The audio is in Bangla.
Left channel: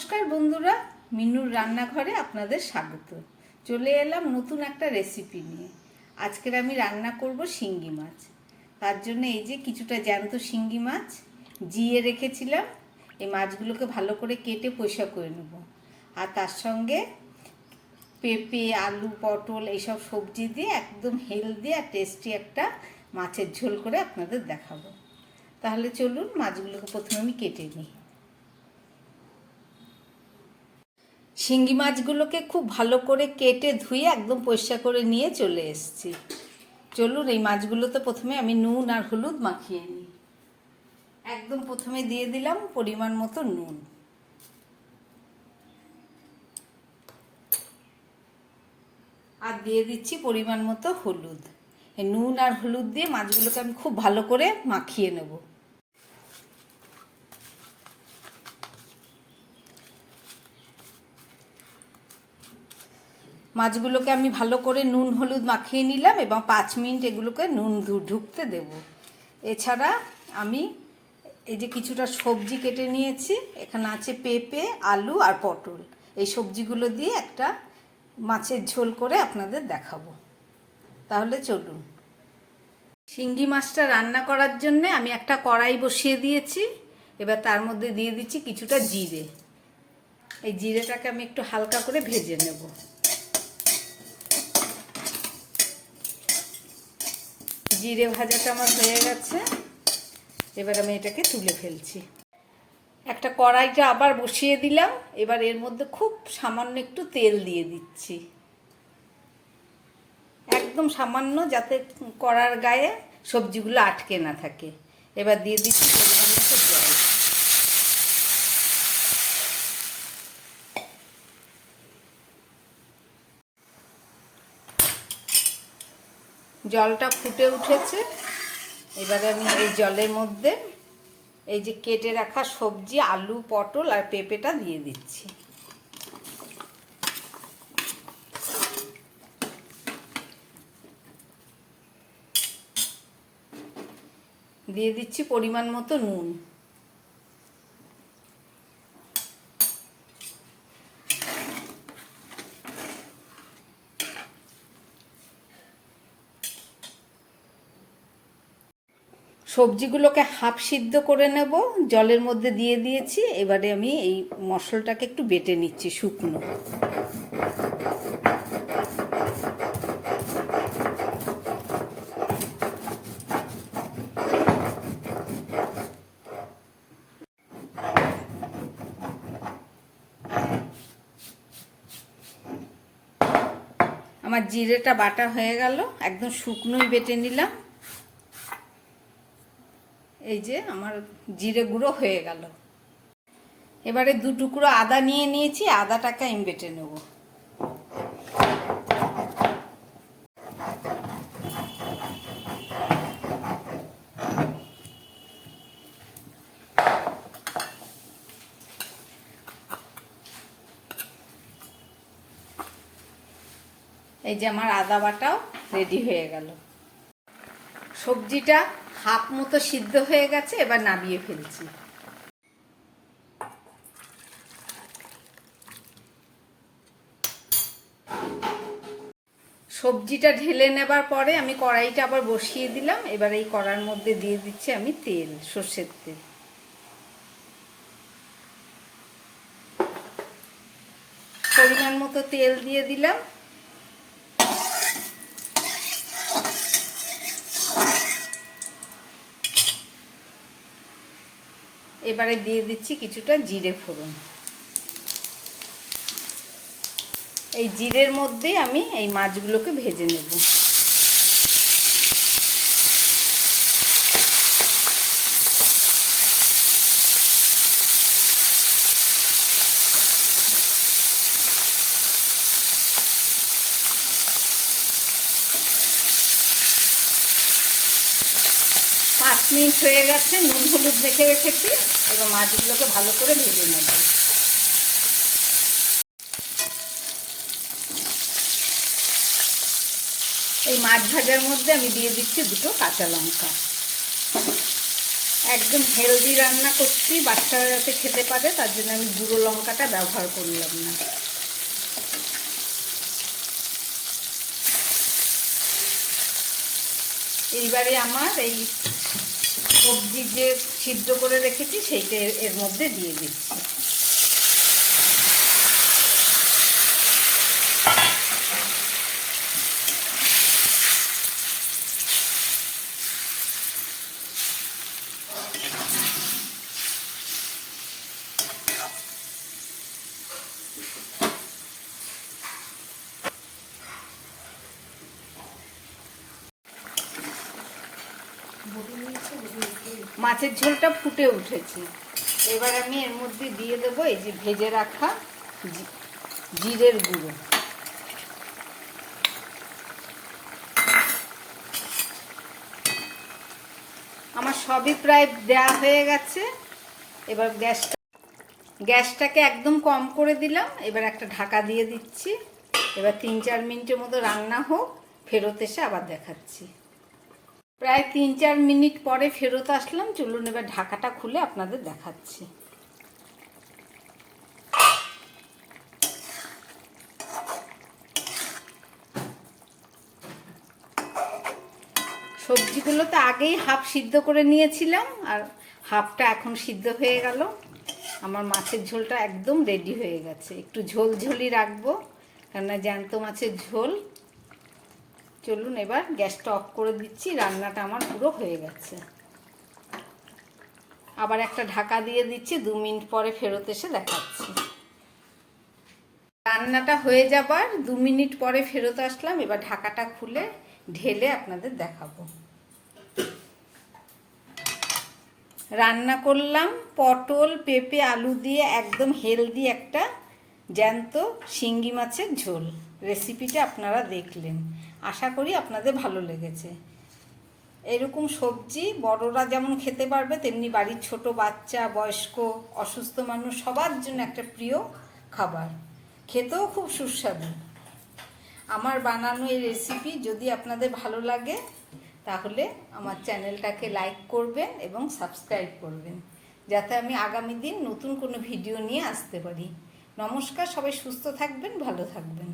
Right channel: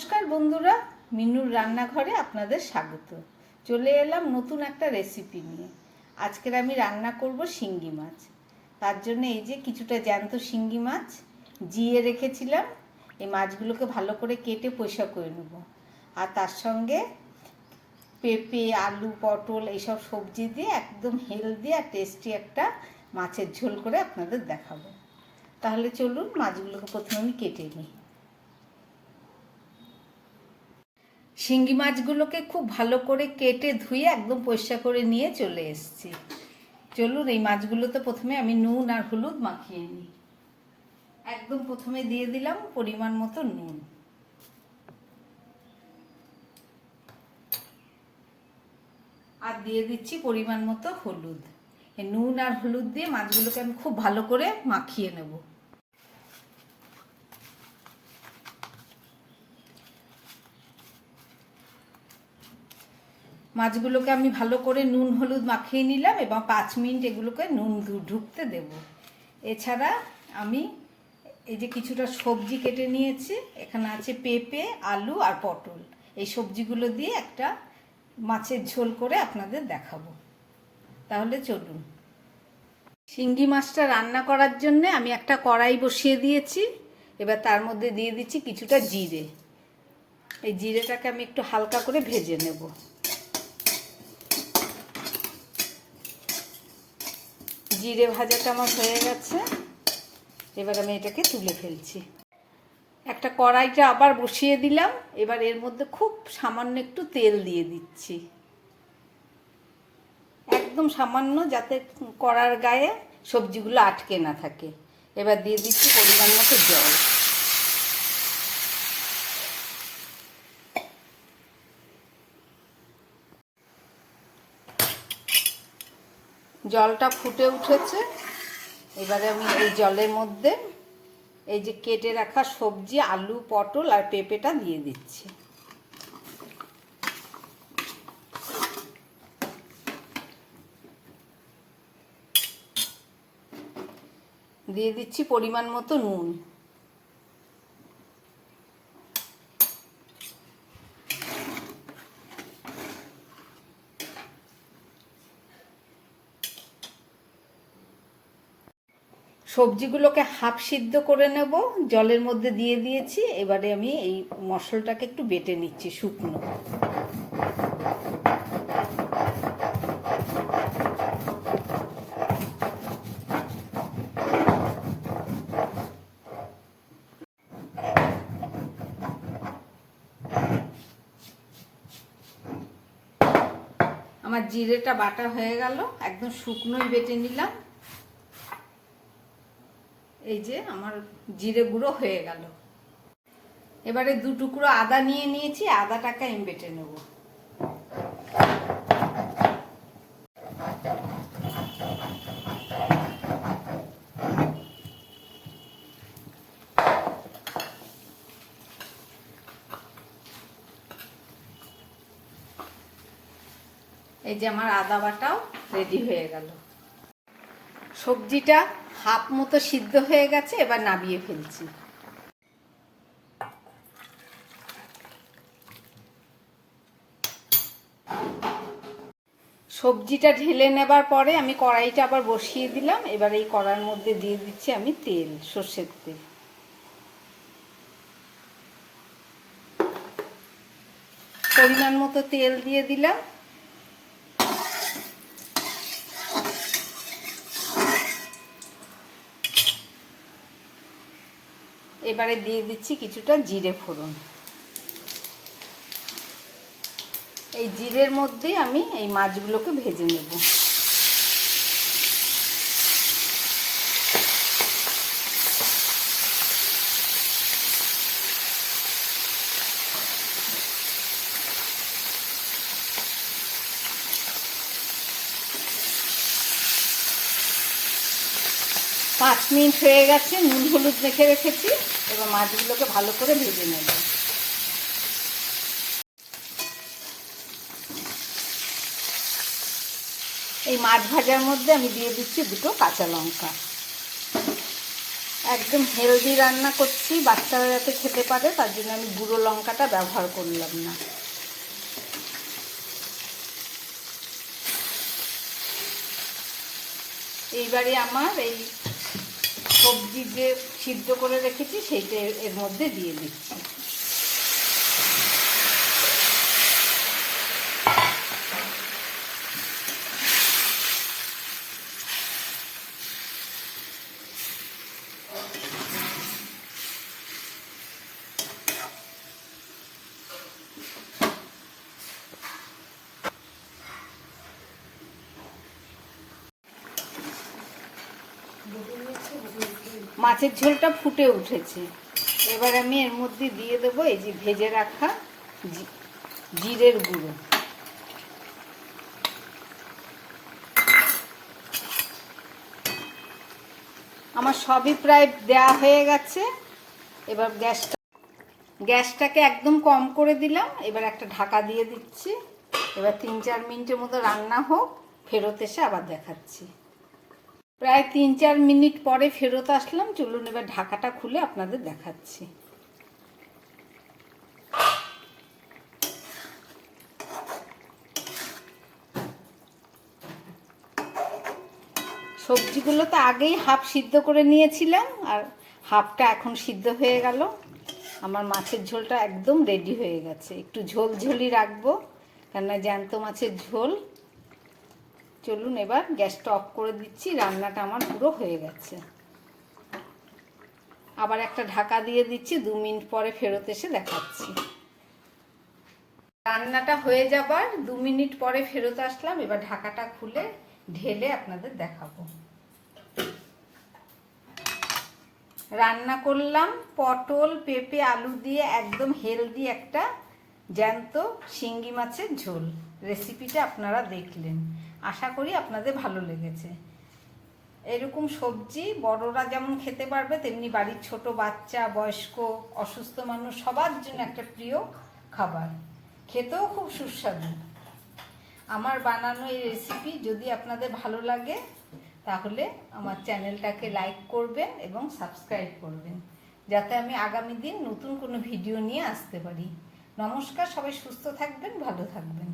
নমস্কার বন্ধুরা, মিনুর রান্নাঘরে আপনাদের স্বাগত। চলে এলাম নতুন একটা রেসিপি নিয়ে। আজকের আমি রান্না করব শিঙ্গি মাছ। তার জন্য এই যে কিছুটা জ্যান্ত শিঙ্গি মাছ জিয়ে রেখেছিলাম। এই মাছগুলোকে ভালো করে কেটে পয়সা করে নেব। আর তার সঙ্গে পেঁপে, আলু, পটল এইসব সবজি দিয়ে একদম হেলদি আর টেস্টি একটা মাছের ঝোল করে আপনাদের দেখাবো। তাহলে চলুন মাছগুলোকে প্রথমে আমি কেটে নিই। শিঙ্গি মাছগুলোকে খুব ভালো করে কেটে ধুয়ে একদম পরিষ্কার করে নিয়ে চলে এসেছি। চলুন এই মাছগুলোতে প্রথমে আমি নুন আর হলুদ মাখিয়ে নিই। একদম প্রথমে দিয়ে দিলাম পরিমাণ মতো নুন, আর দিয়ে দিচ্ছি পরিমাণ মতো হলুদ। এই নুন আর হলুদ দিয়ে মাছগুলোকে আমি খুব ভালো করে মাখিয়ে নেব। মাছগুলোকে আমি ভালো করে নুন হলুদ মাখিয়ে নিলাম এবং 5 মিনিট এগুলোকে নুন ঢুকতে দেব। এছাড়া আমি এই যে কিছুটা সবজি কেটে নিয়েছি, এখানে আছে পেঁপে, আলু আর পটল। এই সবজিগুলো দিয়ে একটা মাছের ঝোল করে আপনাদের দেখাবো। তাহলে চলুন। শিঙ্গি মাছটা রান্না করার জন্য আমি একটা কড়াই বসিয়ে দিয়েছি। এবার তার মধ্যে দিয়ে দিচ্ছি কিছুটা জিরে। এই জিরেটাকে আমি একটু হালকা করে ভেজে নেব। জিরে ভাজাটা আমার হয়ে গেছে, এবার আমি এটাকে তুলে ফেলছি। একটা কড়াইটা আবার বসিয়ে দিলাম। এবার এর মধ্যে খুব সামান্য একটু তেল দিয়ে দিচ্ছি, একদম সামান্য, যাতে কড়ার গায়ে সবজিগুলো আটকে না থাকে। এবার দিয়ে দিচ্ছি পরিমাণ মতো জল। জলটা ফুটে উঠেছে। এবারে আমি এই জলের মধ্যে এই যে কেটে রাখা সবজি আলু, পটল আর পেঁপেটা দিয়ে দিচ্ছি। দিয়ে দিচ্ছি পরিমাণ মতো নুন। সবজিগুলোকে হাফ সিদ্ধ করে নেব, জলের মধ্যে দিয়ে দিয়েছি। এবারে আমি এই মশলাটাকে একটু বেটে নিচ্ছি শুকনো। আমার জিরেটা বাটা হয়ে গেল, একদম শুকনোই বেটে নিলাম। এই যে আমার জিরে গুঁড়ো হয়ে গেল। এবারে 2 টুকরো আদা নিয়ে নিয়েছি, আদাটাকে আমি বেটে নেব। এই যে আমার আদা বাটাও রেডি হয়ে গেল। সবজিটা হাফ মতো সিদ্ধ হয়ে গেছে, এবার নামিয়ে ফেলছি। সবজিটা ঢেলে নেবার পরে আমি কড়াইটা আবার বসিয়ে দিলাম। এবার এই কড়ার মধ্যে দিয়ে দিচ্ছি আমি তেল, সর্ষের তেল। পরিমাণ মতো তেল দিয়ে দিলাম। এবারে দিয়ে দিচ্ছি কিছুটা জিরে ফোড়ন। এই জিরের মধ্যে আমি এই মাছগুলোকে ভেজে নেব। পাঁচ মিনিট হয়ে গেছে, নুন হলুদ মেখে রেখেছি। এবার মাছগুলোকে ভালো করে ভেজে নেব। এই মাছ ভাজার মধ্যে আমি দিয়ে দিচ্ছি 2 কাঁচা লঙ্কা। একদম হেলদি রান্না করছি, বাচ্চারা যাতে খেতে পারে, তার জন্য আমি গুঁড়ো লঙ্কাটা ব্যবহার করলাম না। এইবারে আমার এই সবজি যে সিদ্ধ করে রেখেছি সেইটা এর মধ্যে দিয়ে দিচ্ছি। মাছের ঝোলটা ফুটে উঠেছে, এবার আমি এর মধ্যে দিয়ে দেবো এই যে ভেজে রাখা জিরের গুঁড়ো। আমার সবই প্রায় দেওয়া হয়ে গেছে। এবার গ্যাসটাকে একদম কম করে দিলাম। এবার একটা ঢাকা দিয়ে দিচ্ছি। এবার 3-4 মিনিটের মতো রান্না হোক, ফেরত এসে আবার দেখাচ্ছি। প্রায় 3-4 মিনিট পরে ফেরত আসলাম। চলুন এবার ঢাকাটা খুলে আপনাদের দেখাচ্ছি। সবজিগুলো তো আগেই হাফ সিদ্ধ করে নিয়েছিলাম, আর হাফটা এখন সিদ্ধ হয়ে গেল। আমার মাছের ঝোলটা একদম রেডি হয়ে গেছে। একটু ঝোলঝোলই রাখবো, কেননা জ্যান্ত মাছের ঝোল। চলুন এবার গ্যাসটা অফ করে দিচ্ছি। রান্নাটা আমার পুরো হয়ে গেছে। আবার একটা ঢাকা দিয়ে দিচ্ছি, 2 মিনিট পরে ফেরত এসে দেখাচ্ছি। রান্নাটা হয়ে যাবার 2 মিনিট পরে ফেরত আসলাম। এবার ঢাকাটা খুলে ঢেলে আপনাদের দেখাবো। রান্না করলাম পটল, পেঁপে, আলু দিয়ে একদম হেলদি একটা জ্যান্ত শিঙ্গি মাছের ঝোল। রেসিপিটা আপনারা দেখলেন, আশা করি আপনাদের ভালো লেগেছে। এরকম সবজি বড়রা যেমন খেতে পারবে, তেমনি বাড়ির ছোট বাচ্চা, বয়স্ক, অসুস্থ মানুষ সবার জন্য একটা প্রিয় খাবার। খেতেও খুব সুস্বাদু। আমার বানানো এই রেসিপি যদি আপনাদের ভালো লাগে, তাহলে আমার চ্যানেলটাকে লাইক করবেন এবং সাবস্ক্রাইব করবেন, যাতে আমি আগামী দিন নতুন কোনো ভিডিও নিয়ে আসতে পারি। নমস্কার, সবাই সুস্থ থাকবেন, ভালো থাকবেন।